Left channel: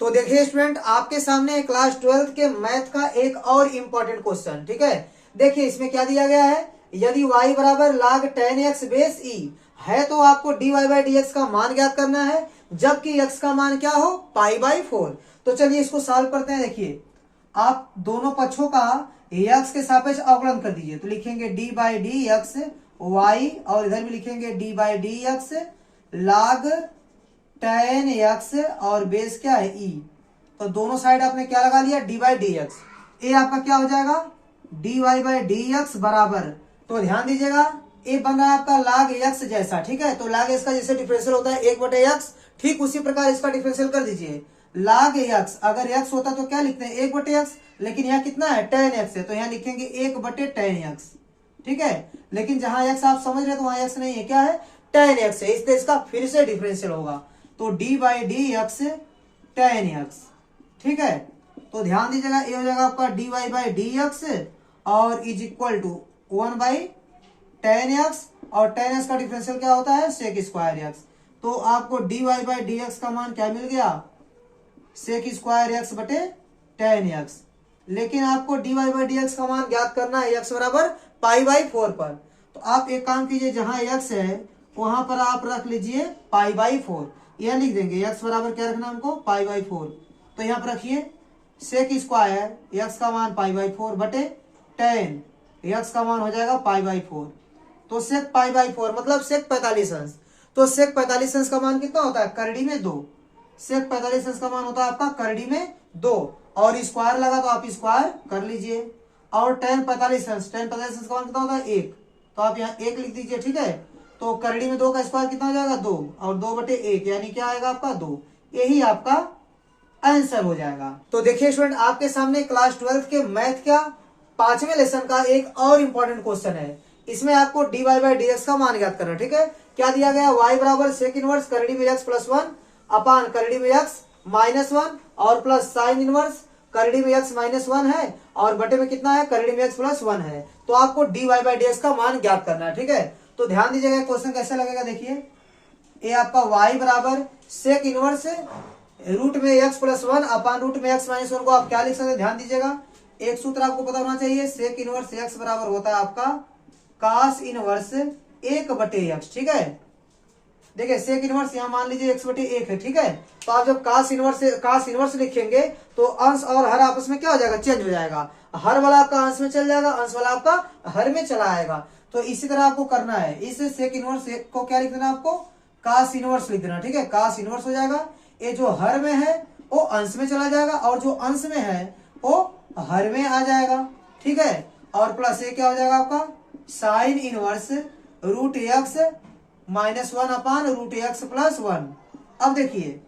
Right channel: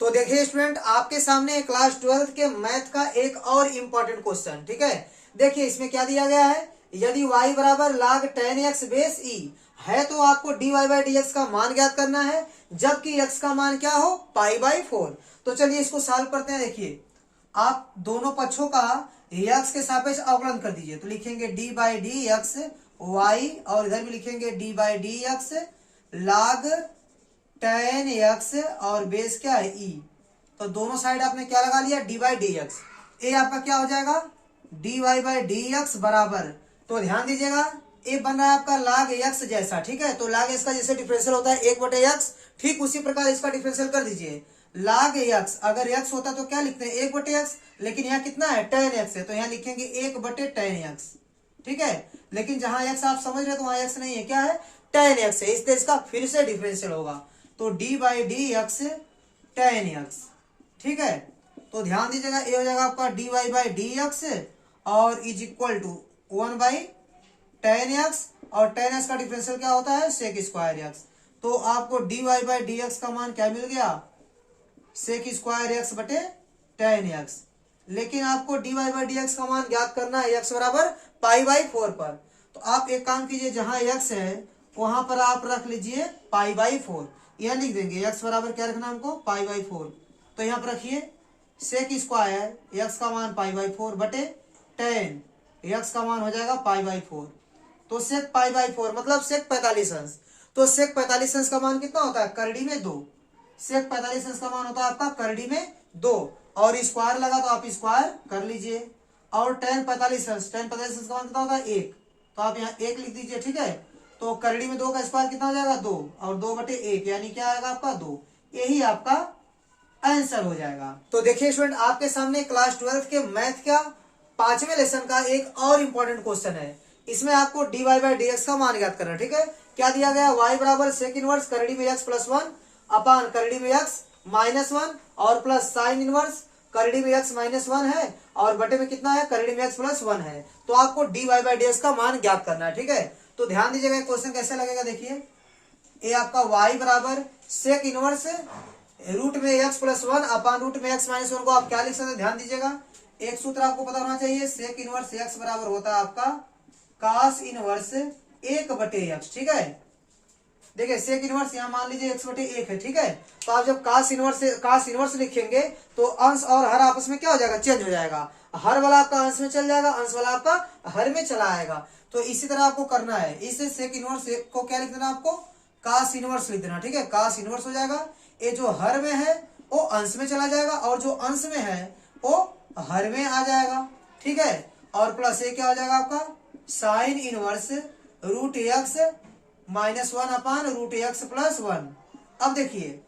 तो देखिए स्टूडेंट, आपके सामने क्लास 12 के मैथ का एक और इम्पोर्टेंट क्वेश्चन, ठीक है। देखिए इसमें क्या दिया गया है, यदि y बराबर log 10x बेस e है तो आपको dy बाई डी एक्स का मान ज्ञात करना है, जबकि x का मान क्या हो, पाई बाई 4। तो चलिए इसको सॉल्व करते हैं। देखिए आप दोनों पक्षों का x के सापेक्ष अवकलन कर दीजिए, तो लिखेंगे d by d x y, और इधर भी लिखेंगे d by d x log 10x और बेस क्या है e। तो दोनों साइड आपने क्या लगा लिया, डी बाई डी एक्स। ए आपका क्या हो जाएगा, d y by d x बराबर, तो ध्यान दीजिएगा ए बन रहा है आपका log x जैसा, ठीक है। तो log x का जैसे डिफरेंशियल होता है 1/x, ठीक उसी प्रकार इसका डिफरेंशियल कर दीजिए। log x अगर x होता तो क्या लिखते हैं 1/x, लेकिन यहाँ कितना है 10x है, तो यहाँ लिखेंगे 1/10x, ठीक है। लेकिन जहां x आप समझ रहे तो वहां x नहीं है, क्या है 10x है, इसलिए इसका फिर से डिफरेंशियल होगा, तो D by d x 10x, ठीक है। तो ध्यान दीजिएगा ये हो जाएगा आपका d y by d x और इज इक्वल टू 1/10x, और 10x का डिफरेंशियल क्या होता है सेक स्क्वायर एक्स। तो आपको d y by d x का मान क्या मिल गया, सेक स्क्वायर एक्स बटे 10x। लेकिन आपको d y by d x का मान ज्ञात करना है x बराबर पाई बाई 4 पर। तो आप एक काम कीजिए, जहां x है वहां पर आप रख लीजिए पाई बाई 4, यह लिख देंगे x बराबर क्या रखना हमको, पाई बाई 4। तो यहाँ पर रखिए सेक स्क्वायर x का मान पाई बाई 4 बटे 10, x का मान हो जाएगा पाई बाई 4। तो सेक पाई बाई 4 मतलब सेक 45 अंश। तो सेक 45 अंश का मान कितना होता है, करड़ी में 2। सेक 45 अंश का मान होता है आपका करड़ी में 2, और स्क्वायर लगा तो आप स्क्वायर कर लीजिए। और 10 45 अंश, 10 45 अंश का मान कितना होता है 1, तो आप यहाँ 1 लिख दीजिए, ठीक है। तो करड़ी में 2 का स्क्वायर कितना हो जाएगा 2, और 2/1 यानी क्या आएगा आपका 2। यही आपका आंसर हो जाएगा। तो देखिए स्टूडेंट, आपके सामने क्लास 12 के मैथ का 5वें लेसन का एक और इम्पोर्टेंट क्वेश्चन है। इसमें आपको d y by d x का मान ज्ञात करना है, ठीक है। क्या दिया गया, y बराबर सेक इनवर्स करड़ी में x प्लस 1 अपान करड़ी में x माइनस 1 और प्लस साइन इनवर्स करड़ी में x माइनस 1 है, और बटे में कितना है, करड़ी में x प्लस 1 है। तो आपको d y by d x का मान ज्ञात करना है, ठीक है। तो ध्यान दीजिएगा क्वेश्चन कैसे लगेगा। देखिए ये आपका y बराबर सेक इनवर्स रूट में x प्लस 1 अपान रूट में x माइनस 1 को आप क्या लिख सकते हैं, ध्यान दीजिएगा। एक सूत्र आपको पता होना चाहिए, सेक इनवर्स x बराबर होता है आपका कास इनवर्स 1/x, ठीक है। देखिए सेक इनवर्स यहाँ मान लीजिए x/1 है, ठीक है। तो आप जब कास इनवर्स लिखेंगे तो अंश और हर आपस में क्या हो जाएगा, चेंज हो जाएगा। हर वाला आपका अंश में चल जाएगा, अंश वाला आपका हर में चला आएगा। तो इसी तरह आपको करना है, इस सेक इनवर्स को क्या लिख देना, आपको कास इनवर्स लिख देना, ठीक है। कास इनवर्स हो जाएगा, ये जो हर में है वो अंश में चला जाएगा, और जो अंश में है वो हर में आ जाएगा, ठीक है। और प्लस ये क्या हो जाएगा आपका sine inverse root x minus 1 upon root x plus 1। अब देखिए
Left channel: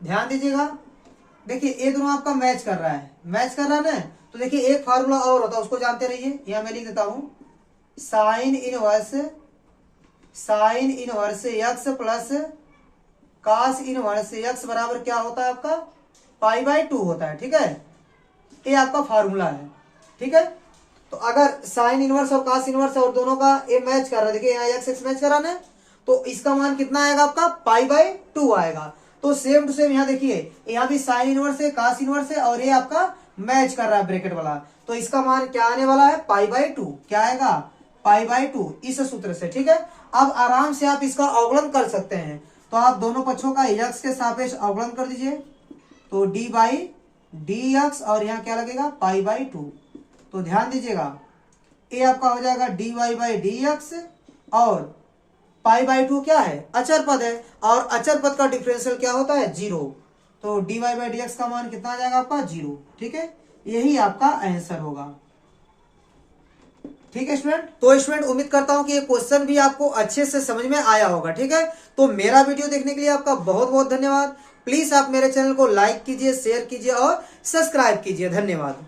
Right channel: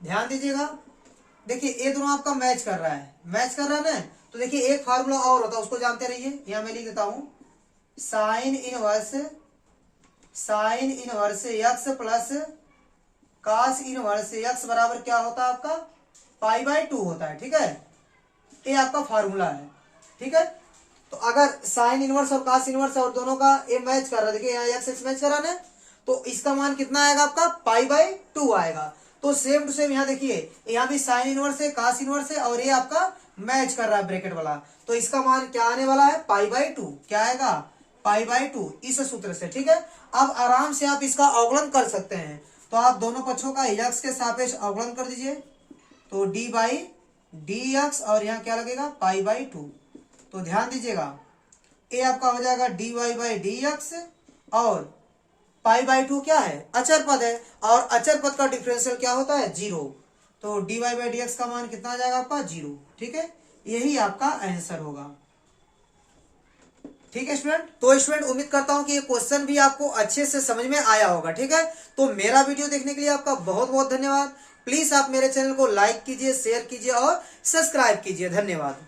ध्यान दीजिएगा, देखिए ये दोनों आपका मैच कर रहा है, मैच कर रहा है ना। तो देखिए एक फार्मूला और होता है, उसको जानते रहिए। यहां मैं लिख देता हूं sine inverse x plus cos inverse x बराबर क्या होता है आपका पाई बाई 2 होता है, ठीक है। ये आपका फार्मूला है, ठीक है। तो अगर साइन इनवर्स और कास इनवर्स और दोनों का ये मैच कर रहा है, देखिए यहाँ एक्स एक्स मैच करा ना, तो इसका मान कितना आएगा आपका पाई बाई 2 आएगा। तो सेम टू सेम यहाँ देखिए, यहाँ भी साइन इनवर्स है, कास इनवर्स है, और ये आपका मैच कर रहा है ब्रैकेट वाला। तो इसका मान क्या आने वाला है, पाई बाई 2। क्या आएगा, पाई बाई 2, इस सूत्र से, ठीक है। अब आराम से आप इसका अवकलन कर सकते हैं। तो आप दोनों पक्षों का x के सापेक्ष अवकलन कर दीजिए, तो डी बाई डी एक्स, और यहाँ क्या लगेगा पाई बाई 2। तो ध्यान दीजिएगा ये आपका हो जाएगा d y by d x, और पाई बाई 2 क्या है, अचर पद है, और अचर पद का डिफरेंशियल क्या होता है 0। तो d y by d x का मान कितना आ जाएगा आपका 0, ठीक है। यही आपका आंसर होगा, ठीक है स्टूडेंट। तो स्टूडेंट उम्मीद करता हूं कि ये क्वेश्चन भी आपको अच्छे से समझ में आया होगा, ठीक है। तो मेरा वीडियो देखने के लिए आपका बहुत बहुत धन्यवाद। प्लीज आप मेरे चैनल को लाइक कीजिए, शेयर कीजिए और सब्सक्राइब कीजिए। धन्यवाद।